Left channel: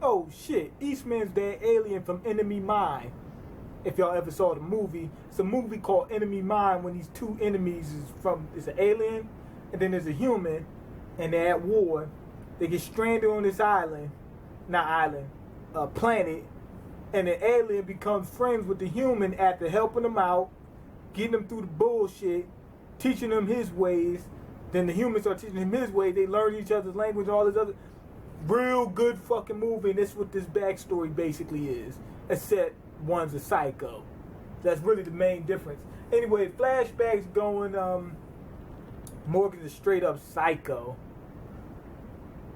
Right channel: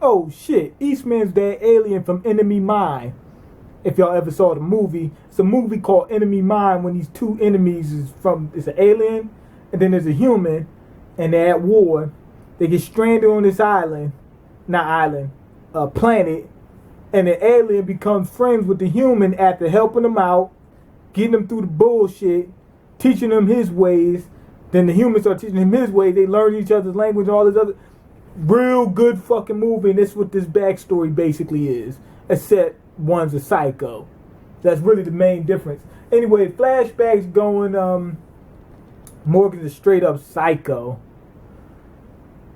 Oh shit, Eastman's that alien from Enemy Mine. If y'all ever saw the movie, it's a movie called Enemy Mine when these two enemies it's an alien and then there's a human and they're at war. They get stranded on this island, not island, planet, and the alien becomes friends with the human after helping them out, getting them through the bullshit, teaching them his ways. Then the humans start teaching him his ways. They learn each other's language and all this other. Real good fucking movie, and that's what this backstory basically is. Except one's a psycho. That's really the main difference. Anyway, flashbacks going, Morgan's a straight up psycho.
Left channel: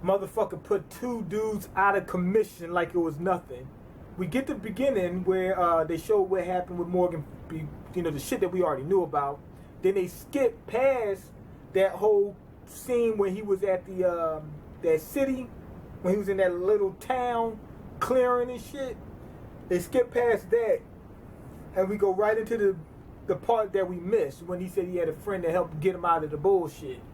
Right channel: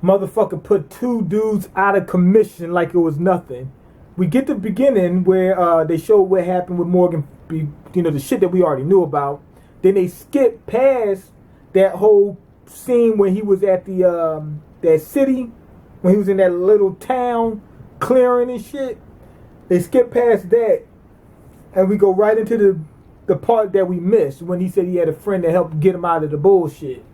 Motherfucker put two dudes out of commission like it was nothing. We get the beginning where they show what happened with Morgan, the shit that we already knew about. Then they skip past that whole scene when he was at the that city, when he was in that little town clearing and shit. They skip past that, and we go right into the part that we missed when he said he had a friend that helped get him out of the bullshit.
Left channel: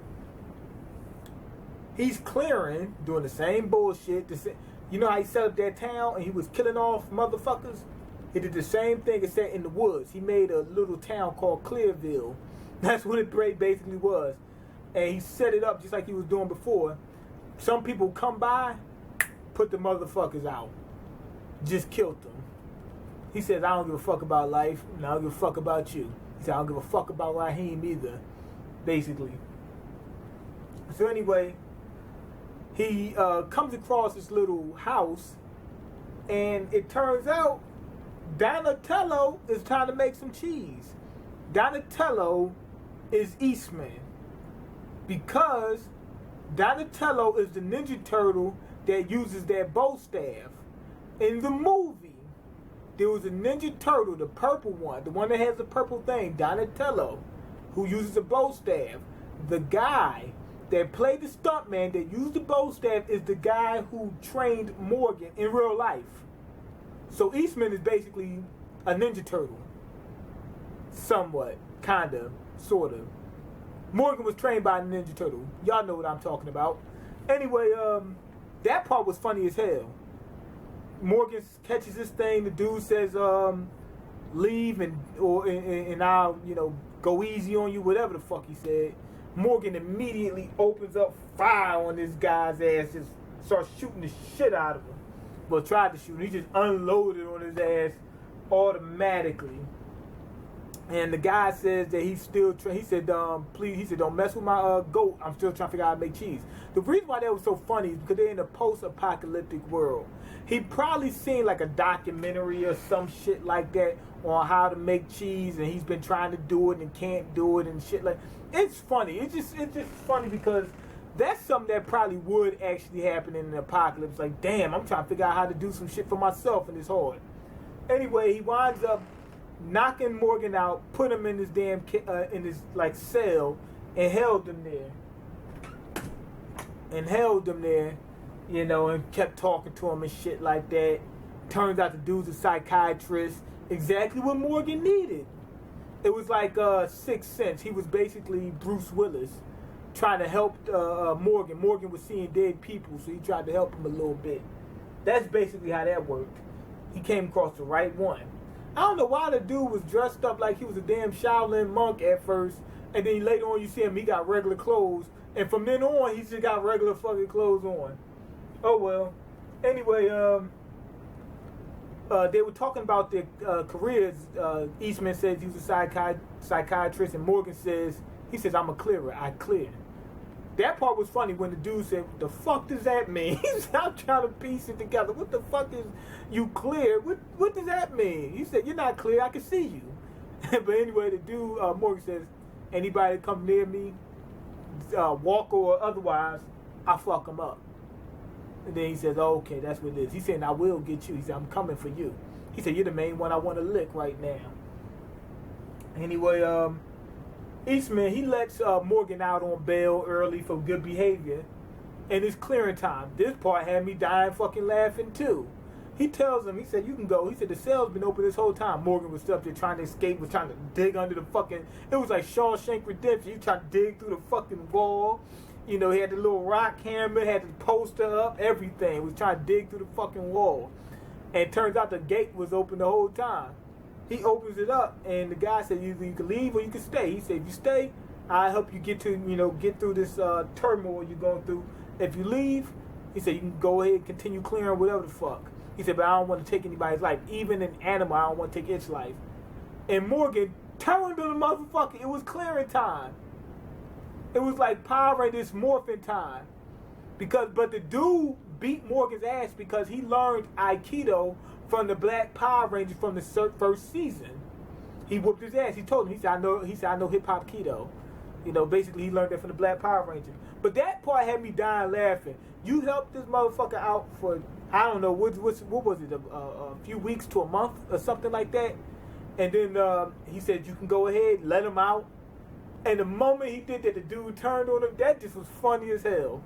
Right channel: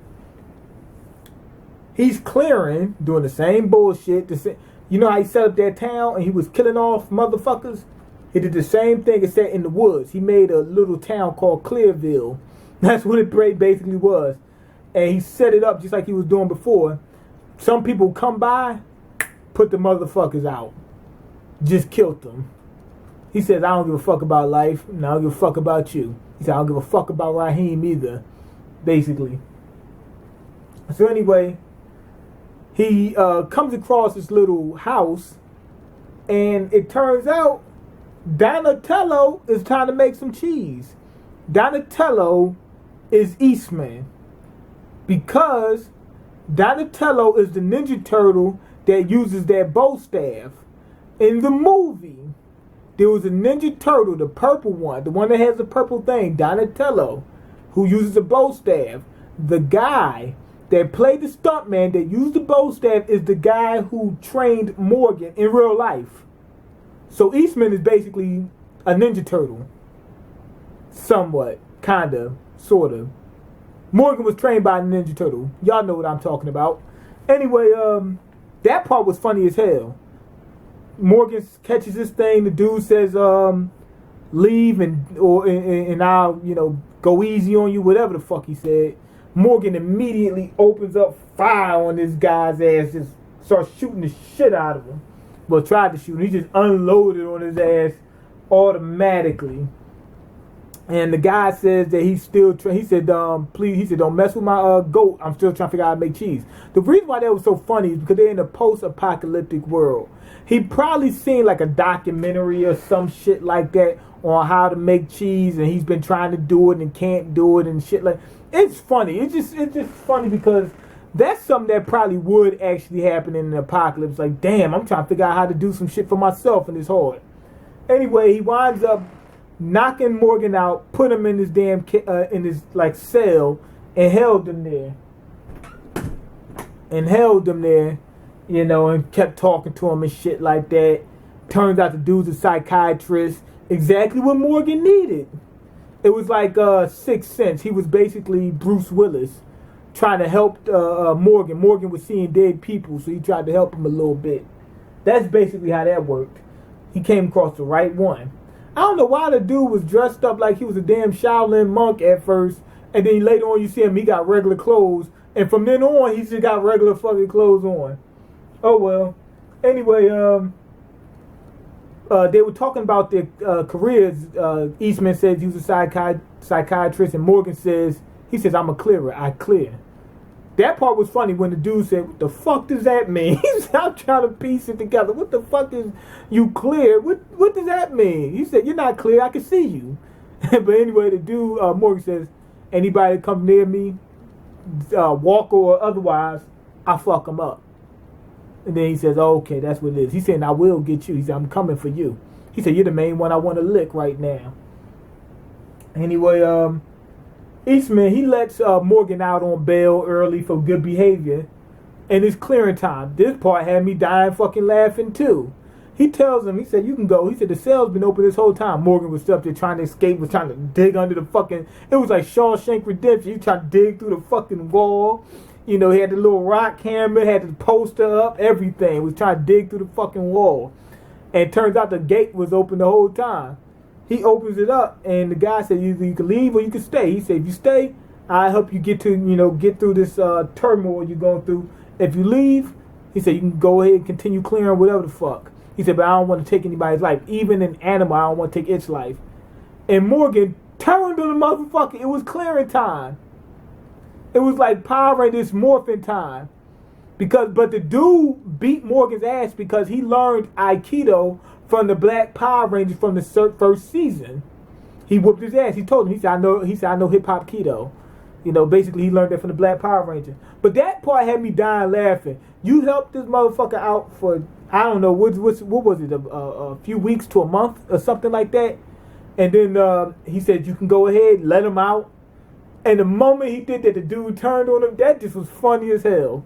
He's clearing, doing the same bullshit. You know how he set up that town and he was killing off motherfuckers? He did the same thing except in the woods. He made a little town called Clearville. That's what it basically was. And he set it up just like he was doing before. Some people come by, put the motherfuckers out. Just killed them. He says, I don't give a fuck about life, and I don't give a fuck about you. He said, I don't give a fuck about Raheem either, basically. So anyway, he comes across this little house, and it turns out Donatello is trying to make some cheese. Donatello is Eastman, because Donatello is the Ninja Turtle that uses that bow staff. In the movie, there was a Ninja Turtle, the purple one, the one that has the purple thing, Donatello, who uses a bow staff. The guy that played the stuntman that used the bow staff is the guy who trained Morgan in real life. So Eastman is basically a Ninja Turtle. Somewhat. Kinda. Sorta. Morgan was trained by a Ninja Turtle. Y'all know what I'm talking about. Anyway, that part was funny as hell. Morgan catches this thing. The dude says, leave and I'll, go easy on you, whatever the fuck he said. Morgan immediately opens up fire on this guy's ass, just starts shooting the shit out of him. Well, tried to shoot him. He just unloaded on his ass automatically. And the guy says that he's still he said, please, he said, don't mess with my goat. I'm still trying to figure out how to make cheese. The reason why that was so funny is because they're in a post-apocalyptic world. He probably seen like a documentary or some shit like that on how to make cheese, and he's been trying to do it and can't do it and shit like. It's funny. It's just funny because that's something that probably would actually happen in an apocalypse. Like, damn, I'm trying to figure out how to do some shit for myself and it's hard. Anyway, he winds up knocking Morgan out, put him in his damn in his like cell, and held him there. And kept talking to him and shit like that. Turns out the dude's a psychiatrist. Exactly what Morgan needed. It was like Sixth Sense. He was basically Bruce Willis trying to help Morgan. Morgan was seeing dead people, so he tried to help him a little bit. That's basically how that worked. He came across the right one. I don't know why the dude was dressed up like he was a damn Shaolin monk at first, and then later on you see him, he got regular clothes, and from then on he just got regular fucking clothes on. Oh well. Anyway, they were talking about their careers. Eastman says he was a psychiatrist, and Morgan says, I'm a clearer. I clear. That part was funny when the dude said, what the fuck does that mean? He said, I'm trying to piece it together. What the fuck is you clear? What does that mean? He said, you're not clear. I can see you. But anyway, the dude, Morgan says, anybody that come near me, walk or otherwise, I fuck them up. And then he says, oh, okay, that's what it is. He said, I will get you. He said, I'm coming for you. He said, you're the main one I want to lick right now. Anyway, Eastman, he lets Morgan out on bail early for good behavior. And it's clearing time. This part had me dying fucking laughing too. He tells him, he said, you can go. He said, the cell's been open this whole time. Morgan was up there trying to escape, was trying to dig under the fucking, it was like Shawshank Redemption. He tried to dig through the fucking wall. You know, he had the little rock hammer, had the poster up, everything. Was trying to dig through the fucking wall. And it turns out the gate was open the whole time. He opens it up, and the guy said, either you can leave or you can stay. He said, if you stay, I'll help you get through this turmoil you're going through. If you leave, he said, you can go ahead and continue clearing whatever the fuck. He said, but I don't want to take anybody's life. Even an animal, I don't want to take its life. And Morgan turned on the motherfucker. It was clearing time. It was like Power Rangers morphin' time. But the dude beat Morgan's ass because he learned Aikido from the Black Power Rangers from the first season. He whooped his ass. He told him, he said, I know hip hop Kido. You know, basically he learned that from the Black Power Ranger. But that part had me dying laughing. You helped this motherfucker out for, I don't know, what was it, a few weeks to a month or something like that. And then he said, you can go ahead, let him out. And the moment he did that, the dude turned on him. That just was funny as hell.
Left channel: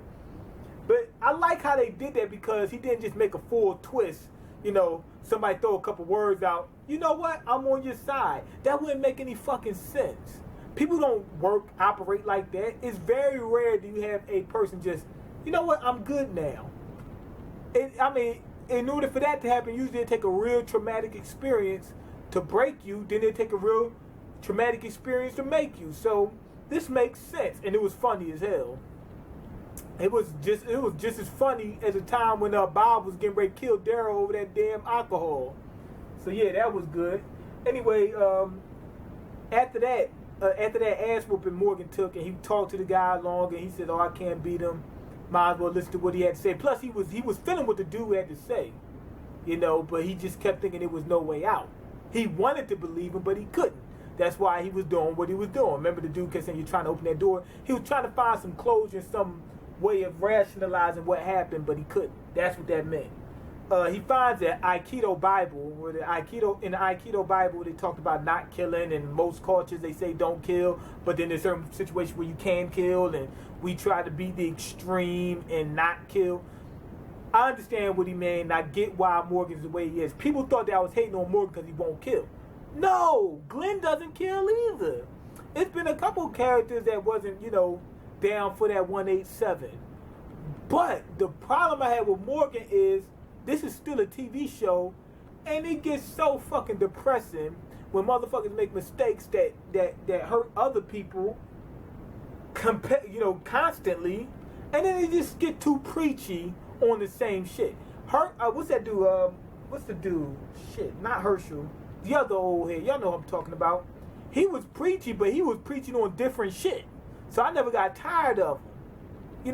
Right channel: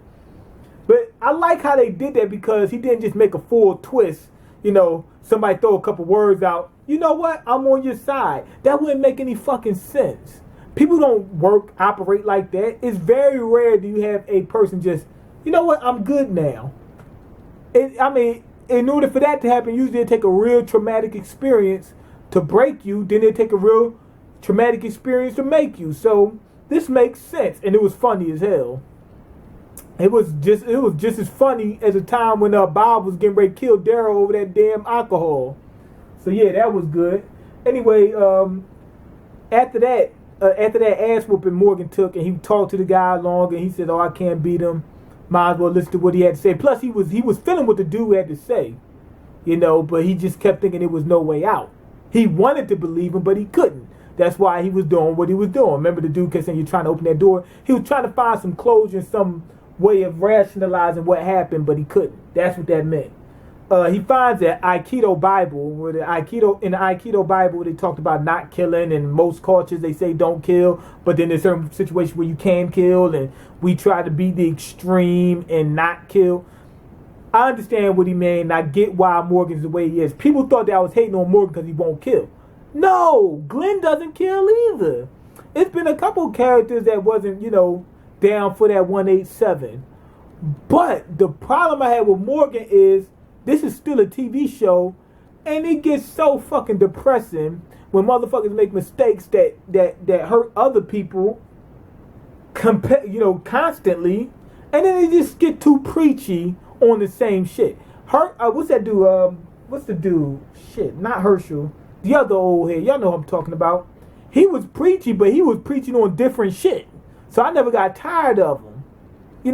But I like how they did that because he didn't just make a full twist. You know, somebody throw a couple words out. You know what? I'm on your side. That wouldn't make any fucking sense. People don't operate like that. It's very rare do you have a person just, you know what? I'm good now. In order for that to happen, usually it take a real traumatic experience to break you. Then it take a real traumatic experience to make you. So this makes sense, and it was funny as hell. It was just as funny as the time when Bob was getting ready to kill Daryl over that damn alcohol. So yeah, that was good. Anyway, after that ass whooping Morgan took, and he talked to the guy long, and he said, "Oh, I can't beat him. Might as well listen to what he had to say." Plus, he was feeling what the dude had to say, you know, but he just kept thinking there was no way out. He wanted to believe him, but he couldn't. That's why he was doing what he was doing. Remember, the dude kept saying, "You're trying to open that door." He was trying to find some closure, some way of rationalizing what happened, but he couldn't. That's what that meant. He finds that Aikido Bible, in the Aikido Bible, they talked about not killing, and most cultures they say don't kill, but then there's certain situations where you can kill, and we try to be the extreme and not kill. I understand what he meant, and I get why Morgan's the way he is. People thought that I was hating on Morgan because he won't kill. No, Glenn doesn't kill either. It's been a couple characters that wasn't, down for that 187. But the problem I had with Morgan is this is still a TV show, and it gets so fucking depressing when motherfuckers make mistakes that hurt other people, constantly, and then they just get too preachy on the same shit. What's that dude? What's the dude? Shit, not Herschel. The other old head. Y'all know what I'm talking about. He was preachy, but he was preaching on different shit. So I never got tired of him. He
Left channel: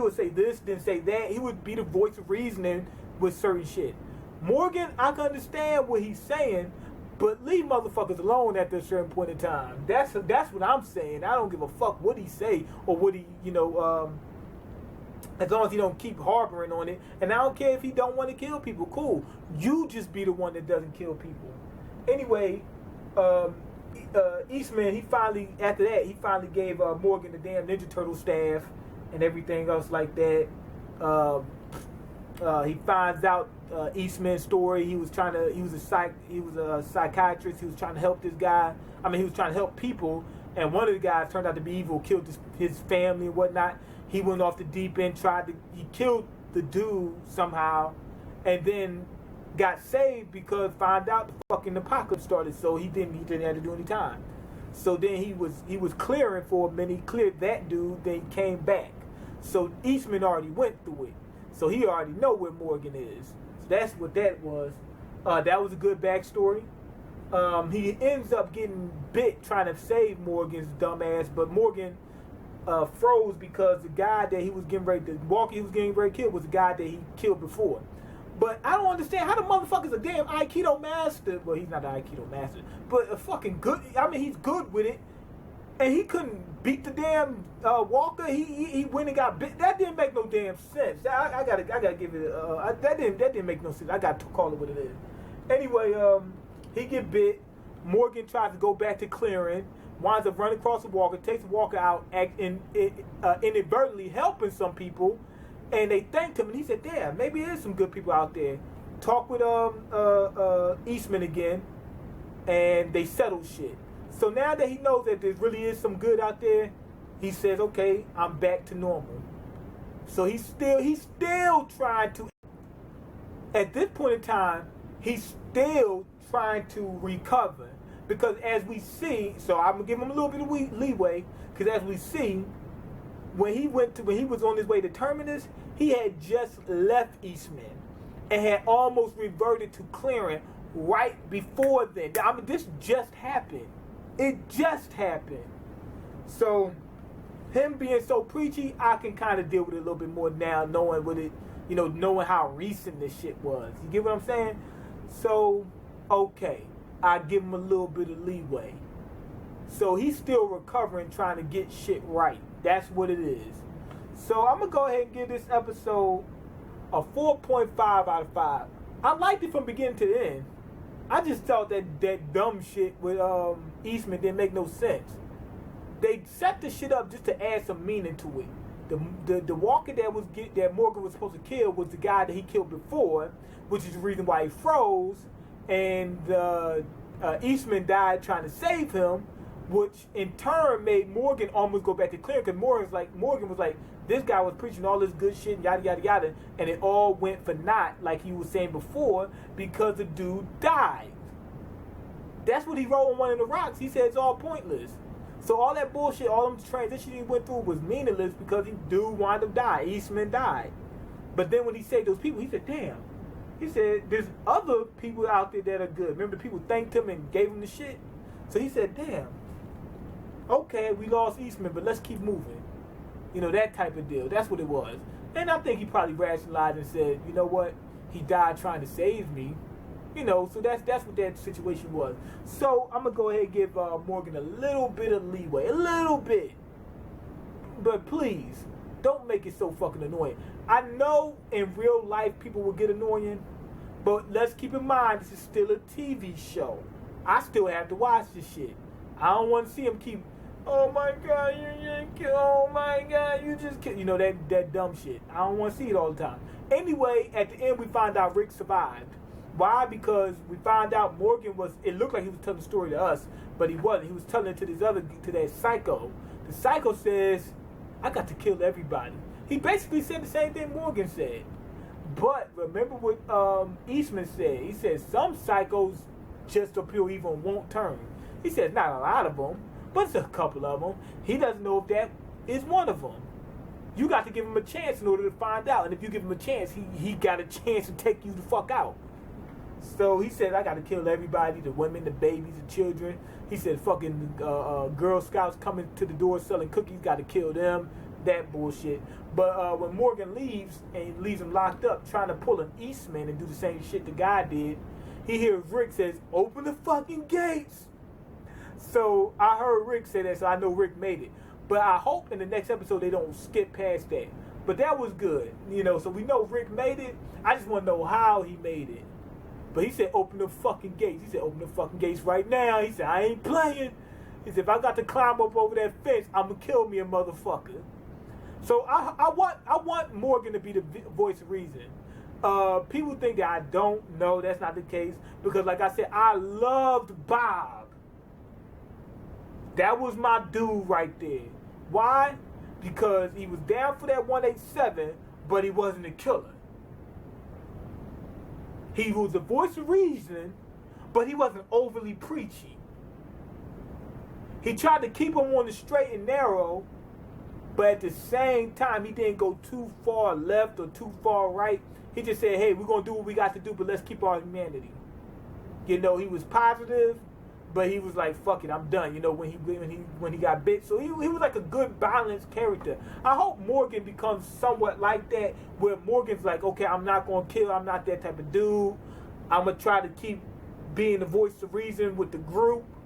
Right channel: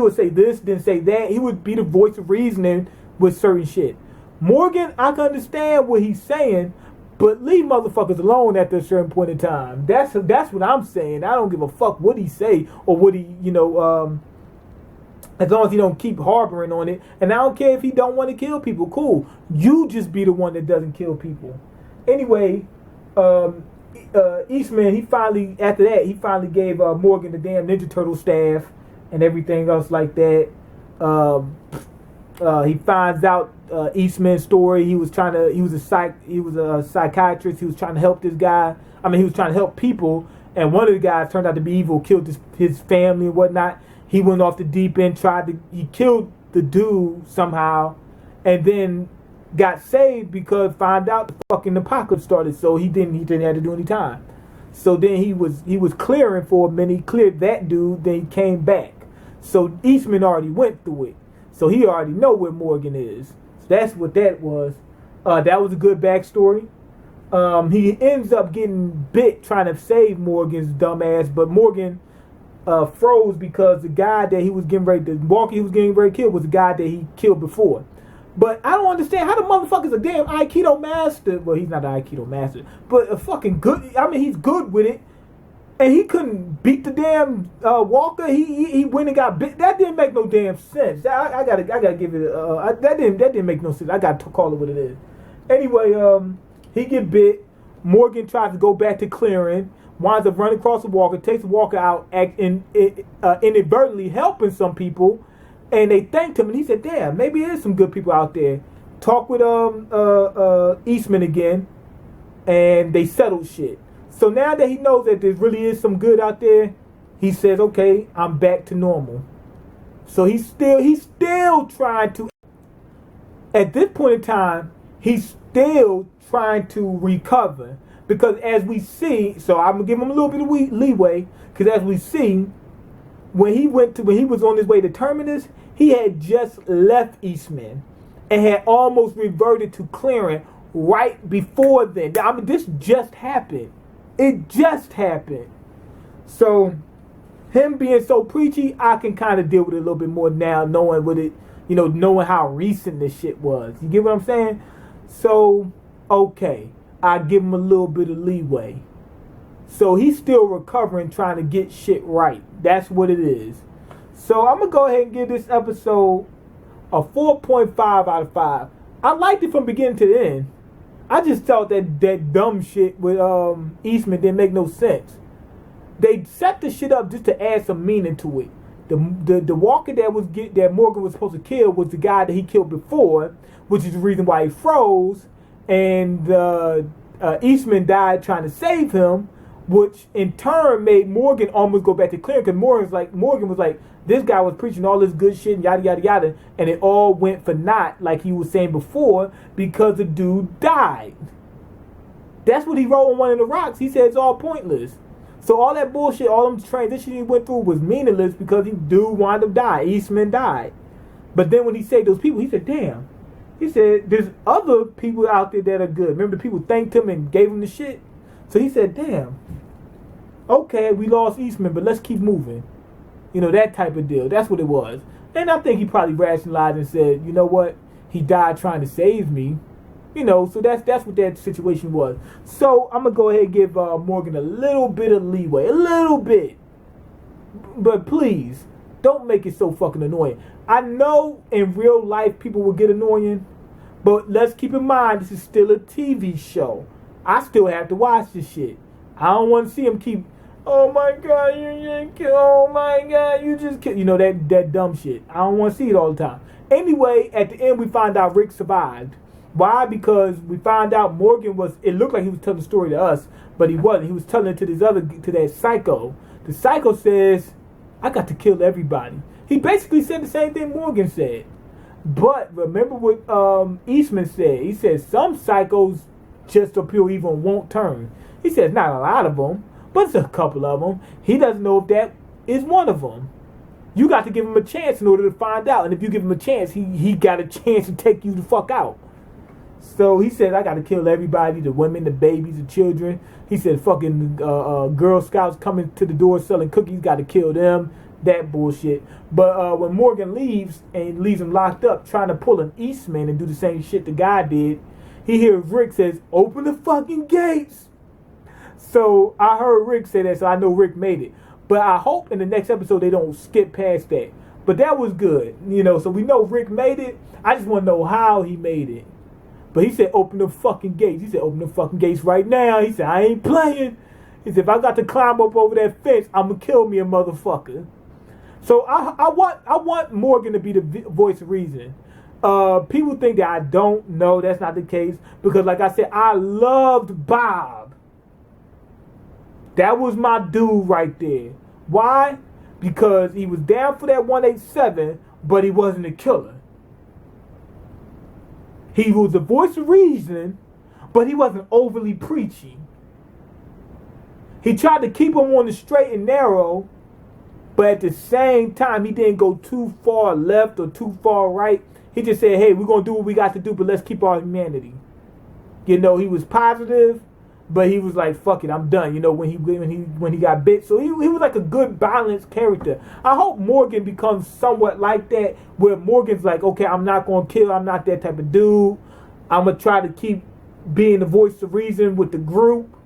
would say this, then say that. He would be the voice of reasoning with certain shit. Morgan, I can understand what he's saying, but leave motherfuckers alone after a certain point in time. That's what I'm saying. I don't give a fuck what he say or what he, as long as he don't keep harboring on it. And I don't care if he don't want to kill people. Cool. You just be the one that doesn't kill people. Anyway, Eastman, he finally gave Morgan the damn Ninja Turtle staff and everything else like that. He finds out Eastman's story. He was a psychiatrist. He was trying to help this guy. He was trying to help people, and one of the guys turned out to be evil, killed his family and whatnot. He went off the deep end, he killed the dude somehow, and then got saved because found out the fucking apocalypse started. So he didn't have to do any time. So then he was clearing for a minute. He cleared that dude. Then he came back. So Eastman already went through it. So he already know where Morgan is. So that's what that was. That was a good backstory. He ends up getting bit trying to save Morgan's dumb ass, but Morgan froze because the guy that he was getting ready to kill was the guy that he killed before. But I don't understand how the motherfucker's a damn Aikido master. Well, he's not an Aikido master, but a fucking good. He's good with it, and he couldn't beat the damn Walker. He went and got bit. That didn't make no damn sense. I gotta give it. That didn't make no sense. I got to call it what it is. Anyway, he get bit. Morgan tries to go back to clearing. Winds up running across the Walker. Takes the Walker out. Inadvertently helping some people. And they thanked him, and he said, "Damn, maybe there's some good people out there." Talk with Eastman again, and they settled shit. So now that he knows that there really is some good out there, he says, okay, I'm back to normal. So he's still trying to, at this point in time, he's still trying to recover. Because as we see, so I'm going to give him a little bit of leeway, because as we see, when he was on his way to Terminus, he had just left Eastman and had almost reverted to clearing right before then. I mean, this just happened. It just happened. So, him being so preachy, I can kind of deal with it a little bit more now, knowing what it, knowing how recent this shit was. You get what I'm saying? So, okay, I give him a little bit of leeway. So he's still recovering, trying to get shit right. That's what it is. So I'm going to go ahead and give this episode a 4.5 out of 5. I liked it from beginning to the end. I just thought that dumb shit with Eastman didn't make no sense. They set the shit up just to add some meaning to it. The walker that Morgan was supposed to kill was the guy that he killed before, which is the reason why he froze. And Eastman died trying to save him, which in turn made Morgan almost go back to clear, because Morgan was like, this guy was preaching all this good shit and yada yada yada, and it all went for naught, like he was saying before, because the dude died. That's what he wrote on one of the rocks. He said it's all pointless. So all that bullshit, all them transitions he went through was meaningless because he dude wound up dying. Eastman died. But then when he saved those people, he said, damn. He said, there's other people out there that are good. Remember, the people thanked him and gave him the shit? So he said, damn, okay, we lost Eastman, but let's keep moving. That type of deal. That's what it was. And I think he probably rationalized and said, you know what? He died trying to save me. So that's what that situation was. So I'm going to go ahead and give Morgan a little bit of leeway. A little bit. But please, don't make it so fucking annoying. I know in real life people will get annoying, but let's keep in mind this is still a TV show. I still have to watch this shit. I don't want to see him keep, oh my God, you just killed, oh my God, you just killed. That dumb shit. I don't want to see it all the time. Anyway, at the end we find out Rick survived. Why? Because we found out Morgan it looked like he was telling the story to us, but he wasn't. He was telling it to that psycho. The psycho says, I got to kill everybody. He basically said the same thing Morgan said. But remember what Eastman said. He said some psychos just or pure evil won't turn. He says not a lot of them, but it's a couple of them. He doesn't know if that is one of them. You got to give him a chance in order to find out. And if you give him a chance, he got a chance to take you the fuck out. So he said, I got to kill everybody, the women, the babies, the children. He said, fucking Girl Scouts coming to the door selling cookies, got to kill them. That bullshit. But when Morgan leaves and leaves him locked up, trying to pull an Eastman and do the same shit the guy did, he hears Rick says, open the fucking gates. So I heard Rick say that, so I know Rick made it. But I hope in the next episode they don't skip past that. But that was good, so we know Rick made it. I just want to know how he made it. But he said, open the fucking gates. He said, open the fucking gates right now. He said, I ain't playing. He said, if I got to climb up over that fence, I'm going to kill me a motherfucker. So I want Morgan to be the voice of reason. People think that I don't know. That's not the case. Because like I said, I loved Bob. That was my dude right there. Why? Because he was down for that 187, but he wasn't a killer. He was the voice of reason, but he wasn't overly preaching. He tried to keep him on the straight and narrow, but at the same time, he didn't go too far left or too far right. He just said, hey, we're going to do what we got to do, but let's keep our humanity. He was positive, but he was like, fuck it, I'm done, when he got bit. So he was like a good, balanced character. I hope Morgan becomes somewhat like that, where Morgan's like, okay, I'm not going to kill, I'm not that type of dude. I'm going to try to keep being the voice of reason with the group,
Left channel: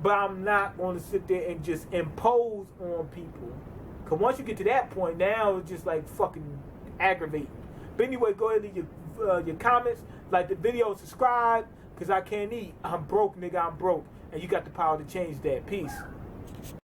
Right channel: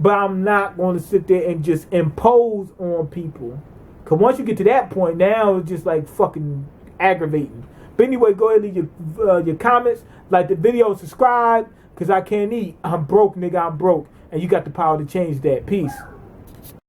but I'm not going to sit there and just impose on people. Because once you get to that point, now it's just like fucking aggravating. But anyway, go ahead and leave your comments, like the video, subscribe, because I can't eat. I'm broke, nigga, I'm broke. And you got the power to change that. Peace.